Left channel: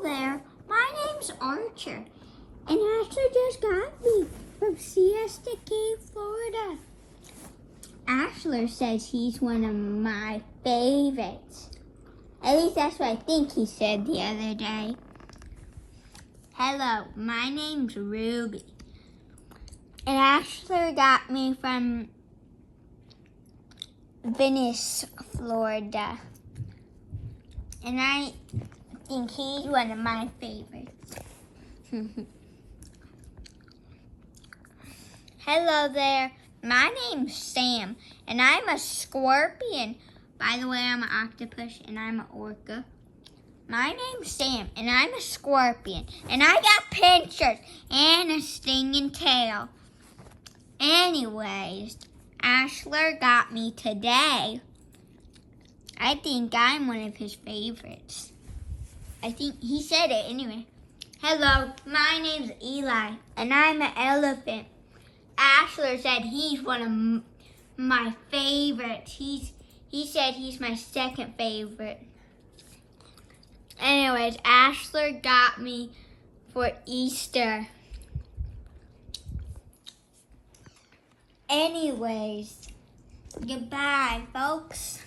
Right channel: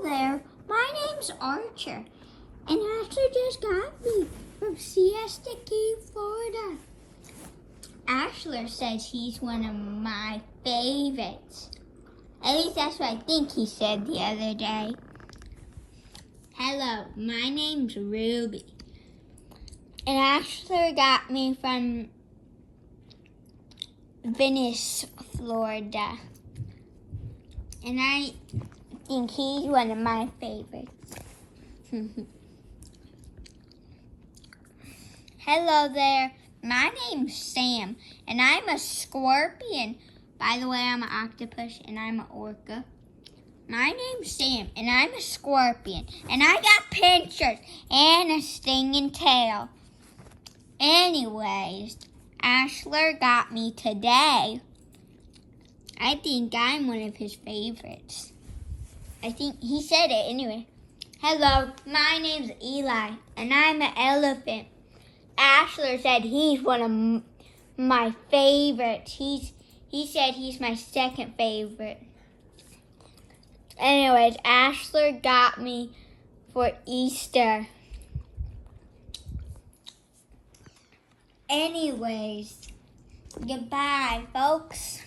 Hello there, my name's Archer, and Ashley just got me from Siesta Key, Florida. Ashler says he's one of my favorites. At least that's what I think he said the other day. Hello, my name's Ruby, and Ashler got me from Venice, Florida. And I think he's one of my favorites. Hello there, my name's Sam, and I'm a scorpion. By the way, I'm an octopus, and I'm an orca. My name's Sam, and I'm a scorpion, and I got pincers and a stinging tail. Anyways, Ashler got me today. I think I'm one of his favorites. I think he said it anyway. Hello, my name's Eli, and I'm an elephant. Ashler said he's one of my favorites. He said he's my second favorite. Anyways, Ashler got me for Easter. Anyways, goodbye, folks.